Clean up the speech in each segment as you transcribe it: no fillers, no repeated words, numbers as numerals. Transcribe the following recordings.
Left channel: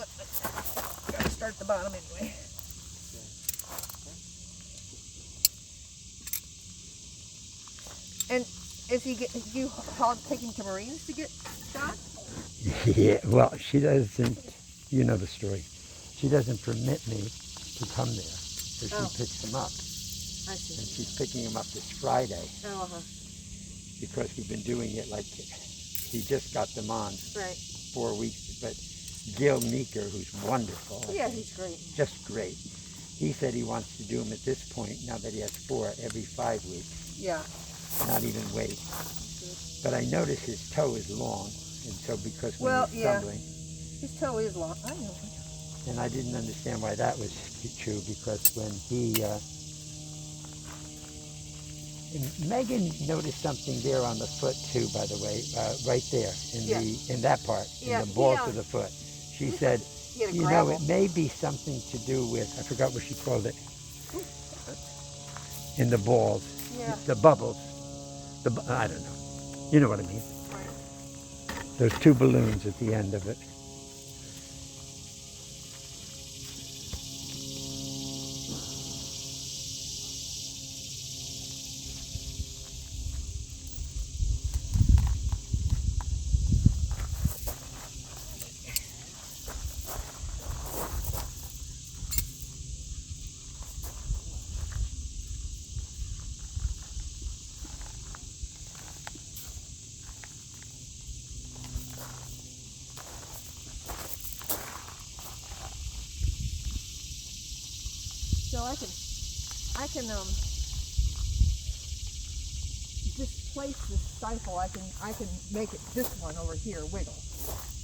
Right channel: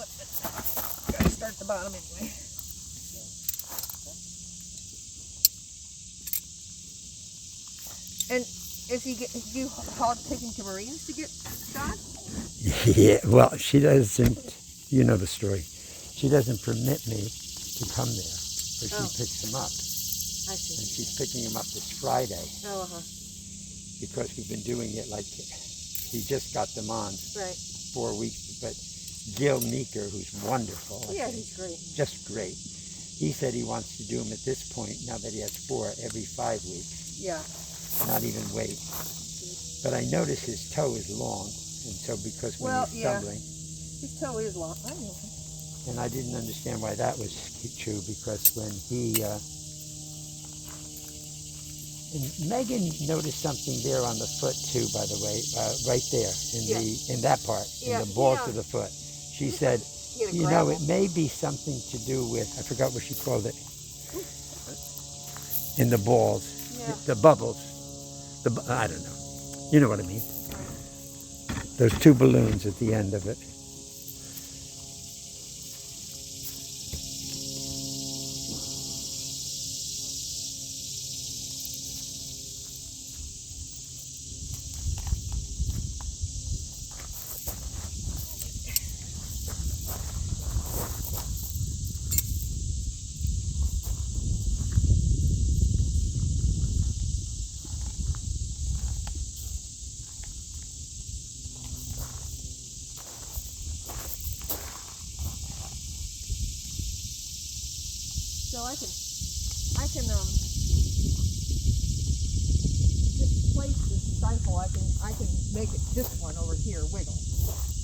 Gotta start the bottom anyway. And is he you take him to Marines to get shot? Yeah, well, she doesn't, you know the story. She doesn't permit me to come there. So she picks him up. I see. And she's picking him up this Friday. Oh, Because we've been doing it like, he just got them on. Right. 4 weeks. But Gil Meeker, who's wonderful. Yeah, he's great. Just great. He said he wants to do them at this point, now that he has 4, every 5 weeks. Yeah. Not even wait. But I notice his toe is long. And so because when he's stumbling. His toe is long. I know. And I didn't understand why that was true, because when he, and Megan noticed something there on the foot too, by the way, right there in that part, in the balls of the foot. She said, you know, it may be something to do with, I forgot what she called it, in the balls, the bubbles, I don't know, you know what I mean. There's 2 balloons at the end of it. So I can just place the stifle. I can make it this one over here wiggle.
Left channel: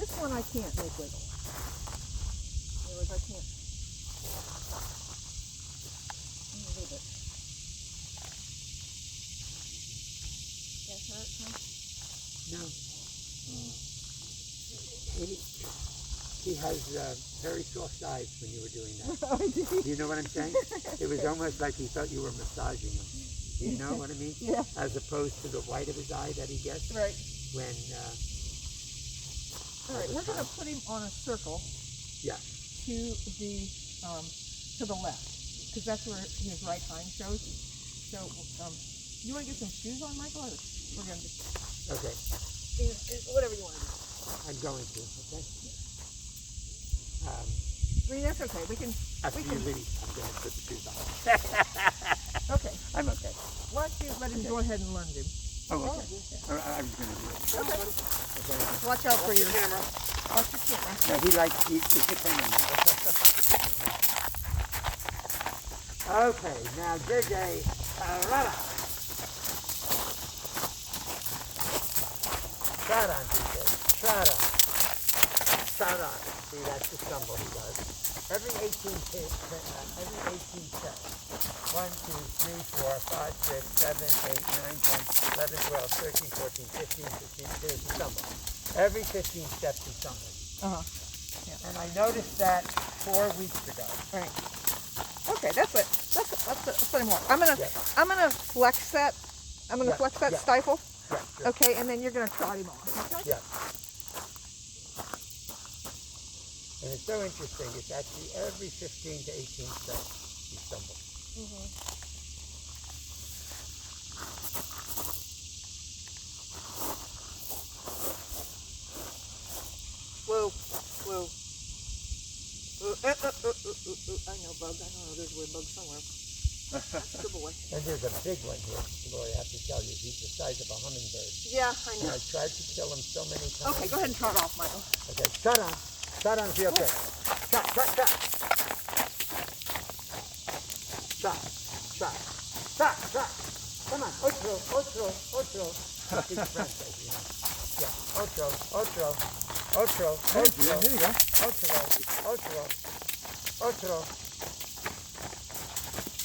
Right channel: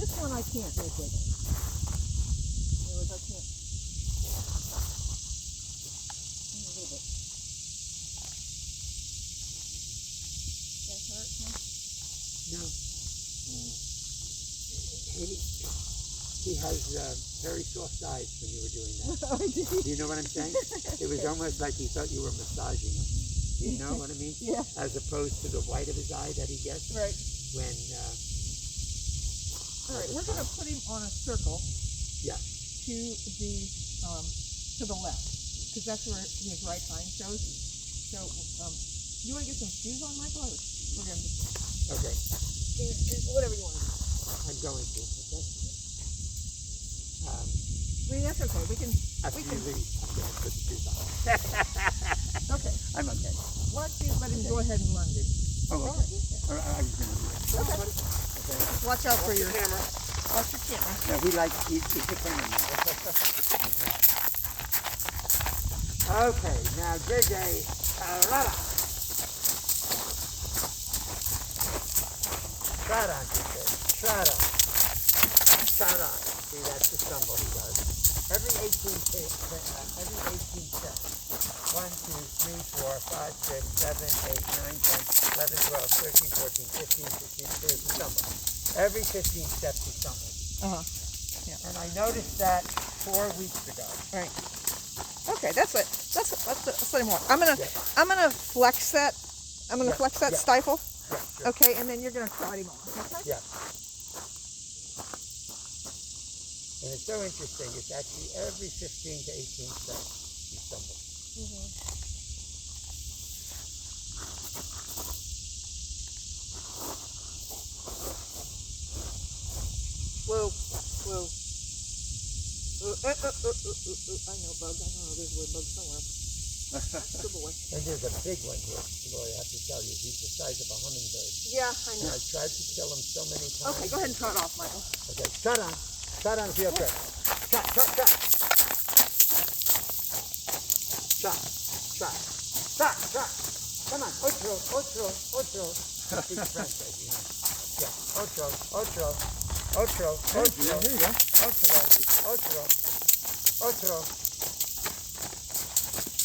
This one I can't make wiggle. In other words, I can't. A little bit. That hurt, huh? No. He has very soft eyes when you were doing that. Oh, Do you know what I'm saying? It was almost like he thought you were massaging him. Do you know what I mean? Yeah. As opposed to the white of his eye that he gets. Right. When. All right, we're going to put him on a circle. Yeah. To the left, because that's where his right hind shows. So, you want to get some shoes on, Michael? Or we're going to just. Okay. Whatever you want to do. I'm going to. Okay. I mean, that's okay. We can. After you leave, I'm going to put the shoes on. Okay. I'm okay. Why don't you let him go ahead and lunge him? Oh, okay. I was going to do it. Okay. Okay. Watch out for Watch your the camera. Watch your camera. No, he's the cameraman. Okay, now JJ, trot on, JJ, trot on. Trot on. See, that's the stumble he does. Every 18 steps. 1, 2, 3, 4, 5, 6, 7, 8, 9, 10, 11, 12, 13, 14, 15, 16, there's the stumble. Every 15 steps he stumbles. Yeah. And I noticed that 4 weeks ago. Right. Okay, that's it. That's what I want. I'm gonna flex that. I'm gonna flex that stifle. Yeah, sure. Okay, and then you're gonna trot him off. Okay. Yeah. And it's so interesting. It's actually every 15 to 18 steps he stumbles. Whoa, whoa. I know bug. I know there's a weird bug somewhere. Good boy. And there's a big one here, Lori, I have to tell you. He's the size of a hummingbird. Yeah, I know. And I've tried to kill him so many times. Okay, go ahead and trot off, Michael. Okay, trot on. Trot on real quick. Trot, trot, trot. Trot, trot, trot, trot. Come on, otro, otro, otro. Speak French, as you know. Yeah, otro, otro, otro, otro, otro, otro, otro.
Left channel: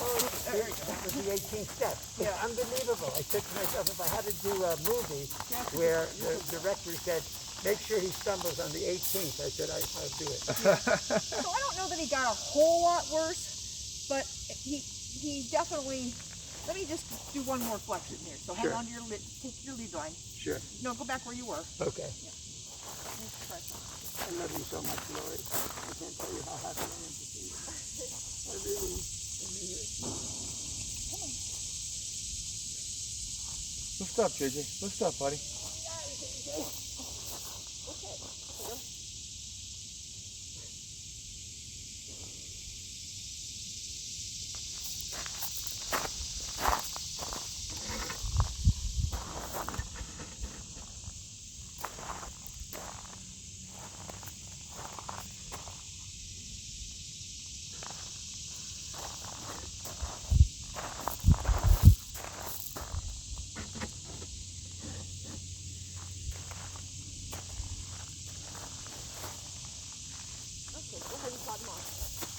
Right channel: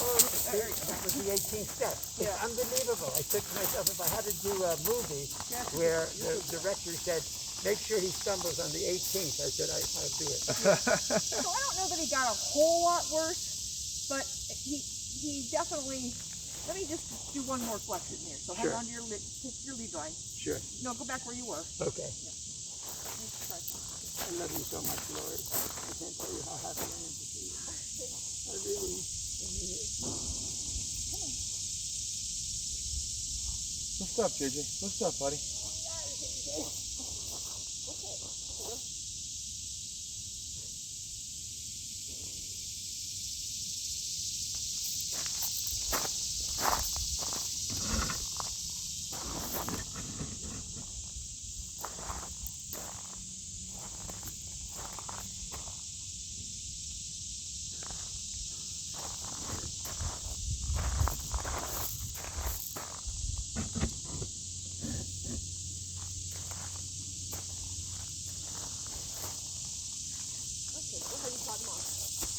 Oh, that was the 18th step. It's unbelievable. I said to myself, if I had to do a movie where the director said, make sure he stumbles on the 18th, I said, I'll do it. So I don't know that he got a whole lot worse, but he definitely. Let me just do one more flex in here. So hold on to your lead line. Sure. No, go back where you were. Okay. Yeah. I love you so much, Lori. I can't tell you how happy I am to see you. I really, Lift up, JJ. Lift up, buddy.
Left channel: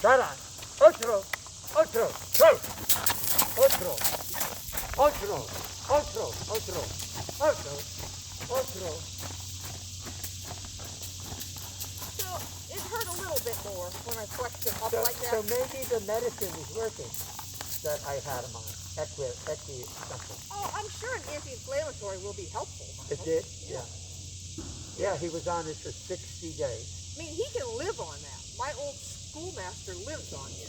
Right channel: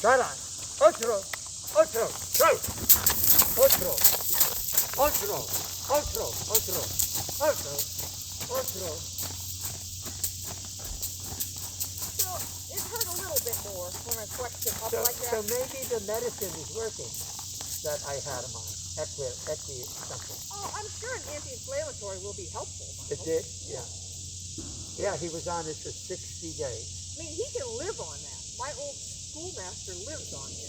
Tara, otro, otro, go. Otro, otro, otro, otro, otro, otro. So it hurt a little bit more when I flexed him up So, like so that. maybe the medicine is working that I had him on. That's the something. Oh, I'm sure an anti-inflammatory will be helpful. It did? Yeah. Yeah, he was on it for 60 days. I mean, he can live on that. My old schoolmaster lives on it.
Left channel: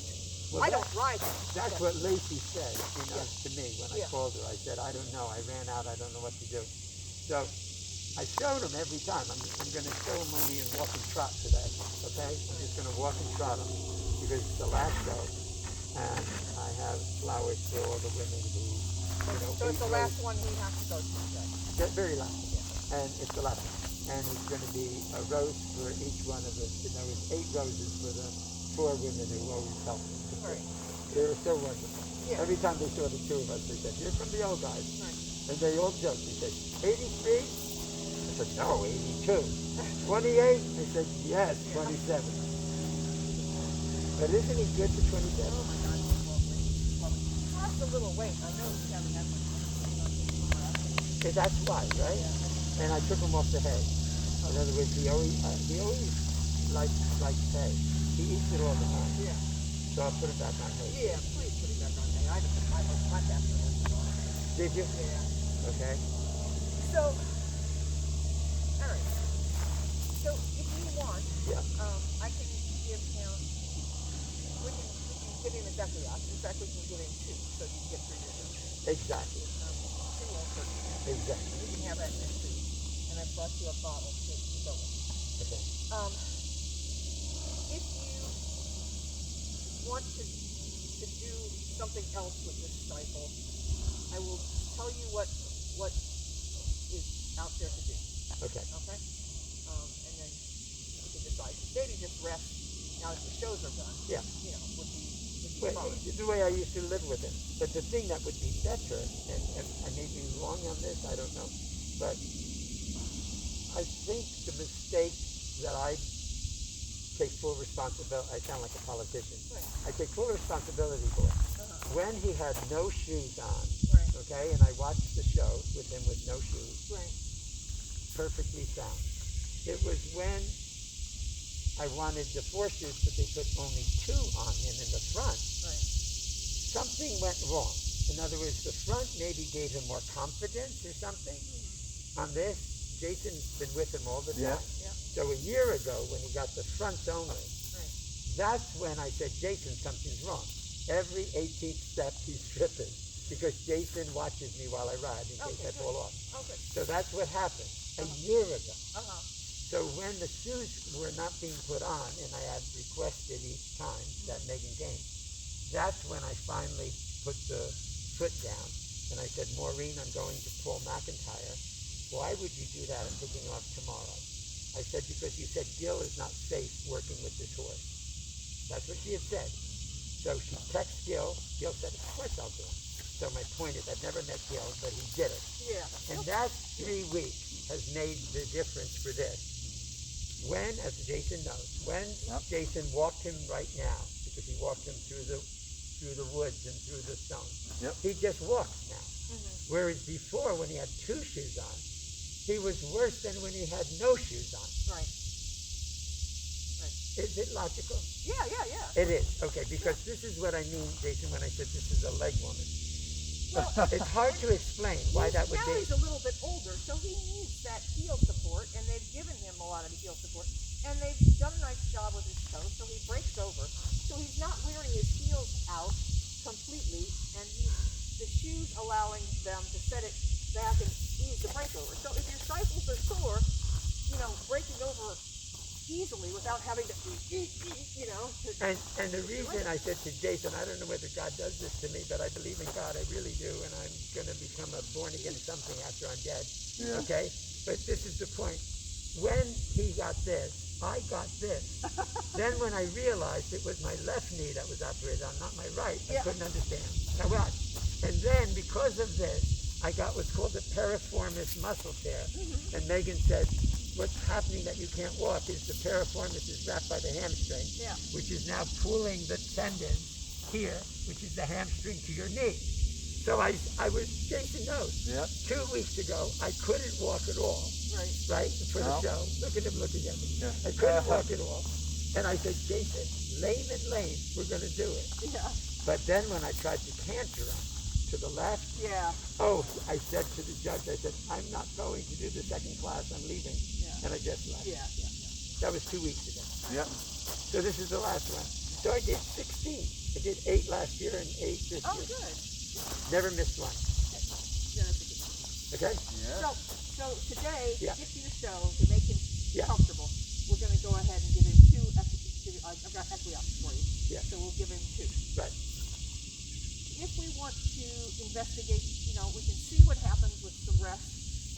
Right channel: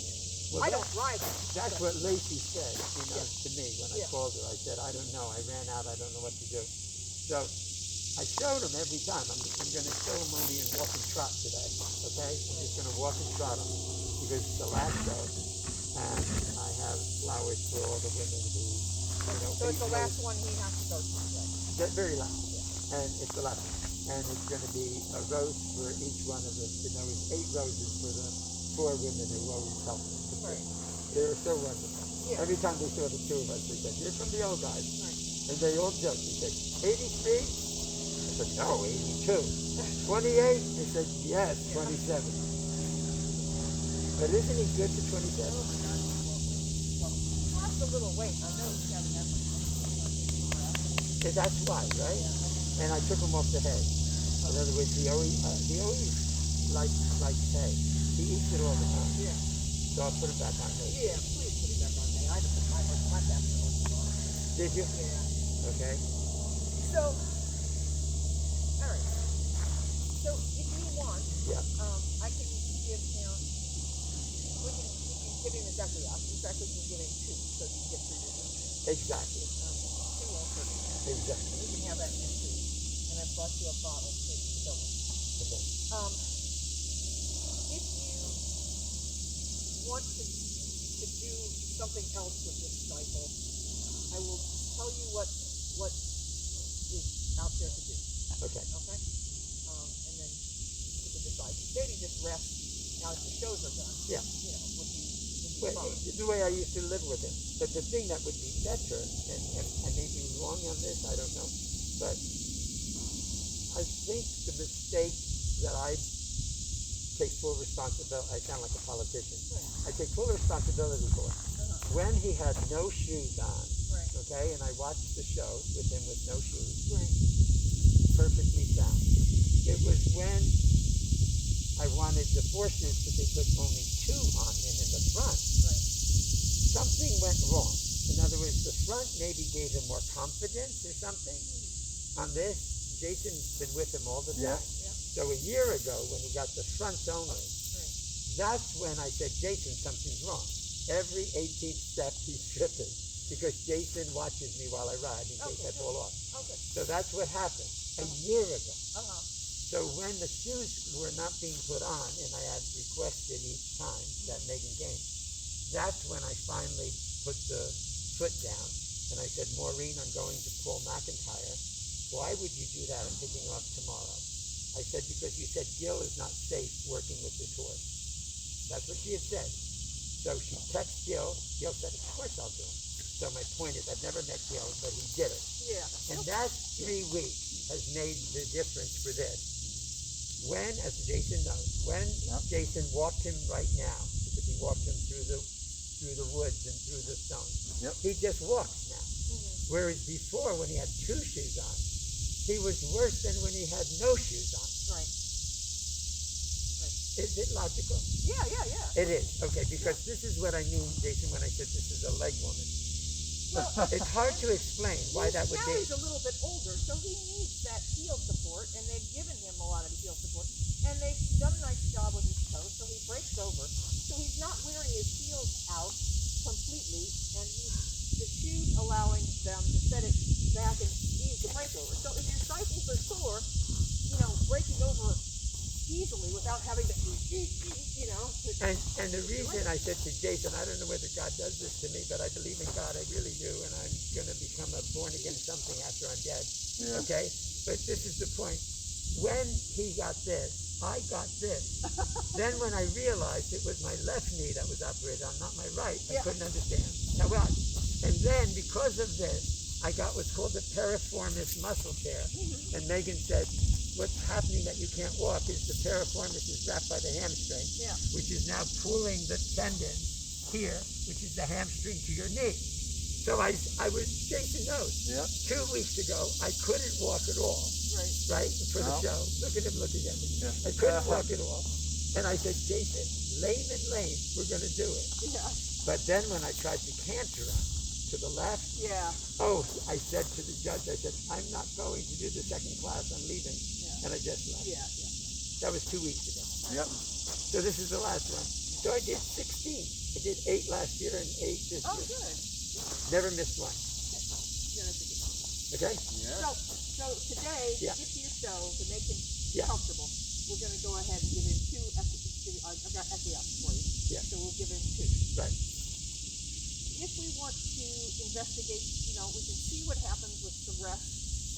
Well, I don't ride him. That's what Lacey said, to me when I Yeah. called her. I said, I don't know. I ran out. I don't know what to do. So I showed him every time. I'm going to show him only in walk and trot today. Okay? I'm just going to walk and trot him because it's the last show. And I have flowers for all the women who, So it's the last one he has to go to today. The very last. Yeah. And it's the last one. And it's going to be a rose for each one of us. And there was 8 roses for the 4 women who always helped us. Right. They were so wonderful. Yeah. Every time they saw the 2 of us, they said, "You're from the old guys." Right. And they all joked. They said, 83? I said, no, 82. 28? They said, yes, 27. But isn't he good for 27? Oh my God. He lost a little weight. I know he's having that much. That's why, right? Yeah. And I took him off the hay. In other words, he always likes hay. He eats it all the time. Yeah. So I'll put him back on hay. Yeah, please put it back on hay. I had to put my basket on hay. Did you? Yeah. Okay. So, all right. So if you want, Yeah. I can give him. We can give him a Decliac. In fact, we can give him 2 so you can get through your vision. Exactly. 2 won't hurt him. Exactly. And you can have that in your food. And I brought you a bottle to fill it. Okay. If you want to do something else with this Stifle, I will tell you what is out there to do. Okay. Okay? And then you can decide. Maybe just rest now that the shows are done. Yeah. Would be Well, fine. the way I used to live with him. But the thing that would be better, and I may be wrong on this, I don't know, but I think the mistake that I take full responsibility, I sound like a politician, Right. I take full responsibility for it. When he had no shoes on, Right. okay, and I watched the show with him with no shoes, Right. perfectly sound. It was when I wanted the 4 shoes, but they put only 2 on him in the front. Right. Something went wrong. In other words, the front maybe gave him more confidence or something. On this, Jason's been with him all the time. Yeah. So a year ago, when he got the fronts only, that's when I said, Jason, something's wrong. Every 18th step he's tripping because Jason watches me while I ride in case I fall off. Okay. So that's what happened a year ago. Uh-huh. So when the shoes were not being put on, and I had requested each time that Megan came, that's when I finally put the foot down, and I said, Maureen, I'm going to Paul McIntyre. Why would you do that? I'm picking off tomorrow. I said, because you said Gil is not safe working with this horse. That's what she had said. So she texted Gil. Gil said, of course I'll do it. So my point is, I've never met Gil, but he did it. Yeah. And that 3 weeks has made the difference for this. When, as Jason knows, when Jason walked him right now, because he walked him through the woods and through the stones, he just walks now. Whereas before, when he had 2 shoes on, he was worse than when he had no shoes on. Right. Is it logical? Yeah. It is. Okay, because this is what I mean, Jason, when I said this is a leg woman. Well, it's hard to explain why that would now be. he's a little bit older, so he needs that heel support, and they've given him a lot of heel support. And they've done a nice job with his toe, so he breaks over. So he's not wearing his heels out completely, and the shoes allowing them to set it back and ease the breakover. So if your stifles are sore, breaking over easily without having to, And the reason I said to Jason, I don't know whether God does this to me, but I believe in God, I really do, and I'm going to become a born-again something after I'm dead, okay? But this is the point. When he got this, I got this. Then when I realized it was my left knee that was operated on, not my right, I couldn't understand. Now what? And then because of this, I got what's called a piriformis muscle tear. And Megan said, what's happening that you can't walk is the piriformis is wrapped by the hamstring, which is now pulling the tendon here, which is the hamstring to your knee. So I was, Jason knows, 2 weeks ago, I couldn't walk at all, right, for the show. Look at him looking at me. I couldn't walk at all. And I said, Jason, lame and lame, we're going to do it. But then when I tried to canter him to the left, I said to the judge, I said, I'm not going to do the second class, I'm leaving. And I just left. That was 2 weeks ago. So this is the last one. So I did 16. I did 8 last year and 8 this year. Oh, good. Never missed one. Okay? So today, to get to your show, to make him Yeah. comfortable, we're going to go ahead and give him two. I've got equiops for you. Yeah. So we'll give him 2. Right. If we want to investigate, we can see what happens with some rest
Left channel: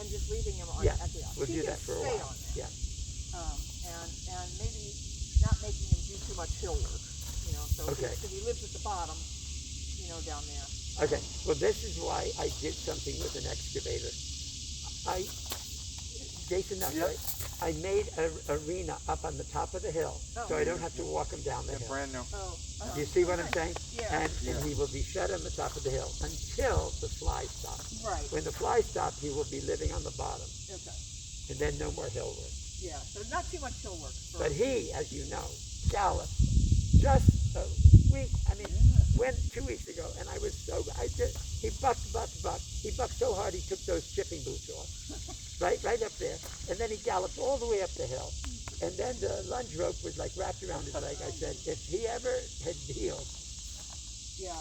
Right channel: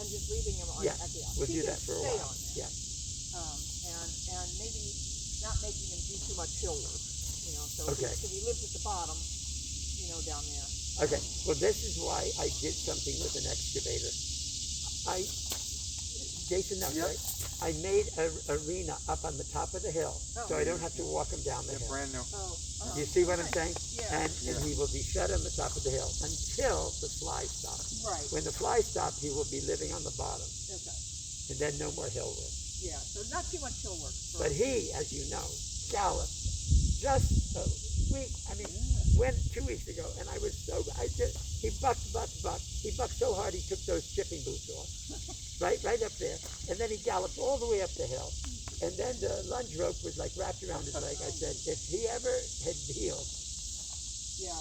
and just leaving him on equiops. We'll do that for a while. Yeah. And maybe not making him do too much hill work. So if he lives at the bottom, down there. Okay. Well, this is why I did something with an excavator. Jason knows, right? I made an arena up on the top of the hill, so I don't have to walk him down the hill. Brand new. You see what I'm saying? Yeah. And he will be fed on the top of the hill until the flies stop. Right. When the flies stop, he will be living on the bottom, Okay. and then no more hill work. Yeah. So not too much hill work. But he, as you know, galloped just a week. Went 2 weeks ago, and I was he bucked. He bucked so hard he took those chipping boots off, right up there, and then he galloped all the way up the hill, and then the lunge rope was like wrapped around his leg. I said, if he ever had healed. Yeah.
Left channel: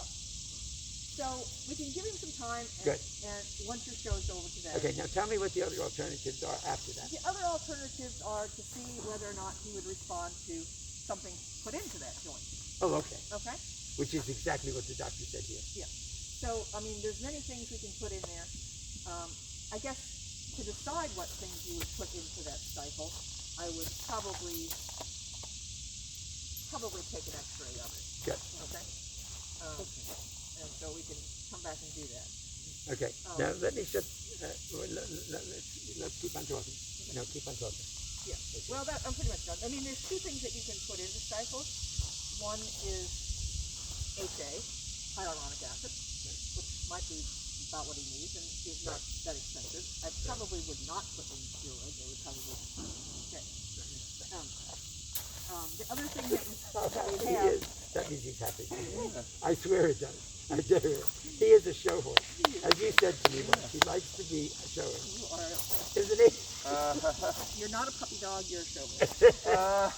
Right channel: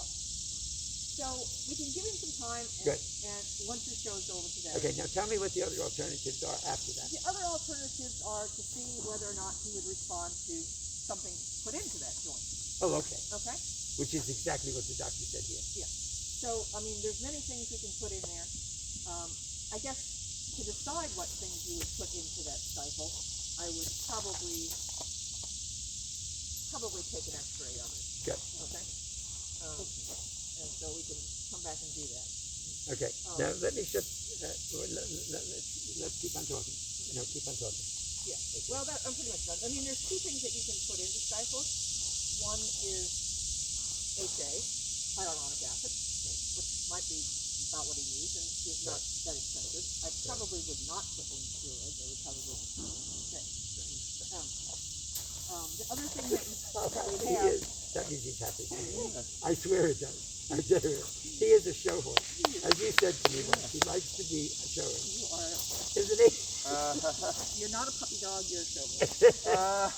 So we can give him some time, and once your show's over today. Okay, now tell me what the other alternatives are after that. The other alternatives are to see whether or not he would respond to something put into that joint. Oh, okay. Okay? Which is exactly what the doctor said here. Yeah. So, there's many things we can put in there. I guess to decide what things you would put into that stifle, I would probably take an x-ray of it. Good. Okay? And so we can come back and do that. Okay. Now let me just, let's keep on talking. No, keep on talking. Yeah. Okay. Well, I'm pretty much done. There's 2 things that you can put into stifle. One is achy, hyaluronic acid, which might be about what he needs and is not that expensive. I probably would not put in steroids. I would probably the other thing that we have, that means he's happy. I swear it does. I dare it. He is a show horse. As you said to me once, he likes to be a show horse. Isn't he? You're not a puppy dog, you're a show horse.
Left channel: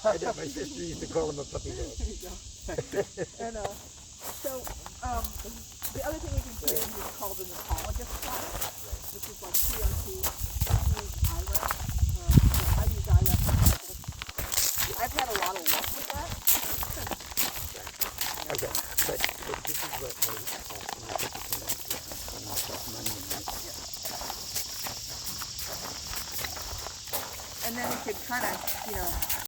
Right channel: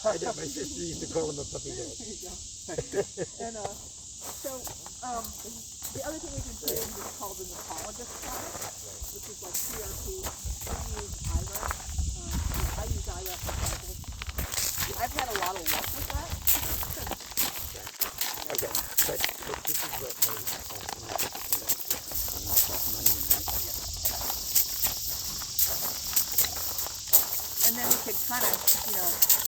I know, my sister used to call him a puppy dog. There you go. And so the other thing we can put in is called an autologous product, which is like CRT. We use IRAP. I use IRAP for cycles. I've had a lot of luck with that. Okay, but this is what and then we could kind of,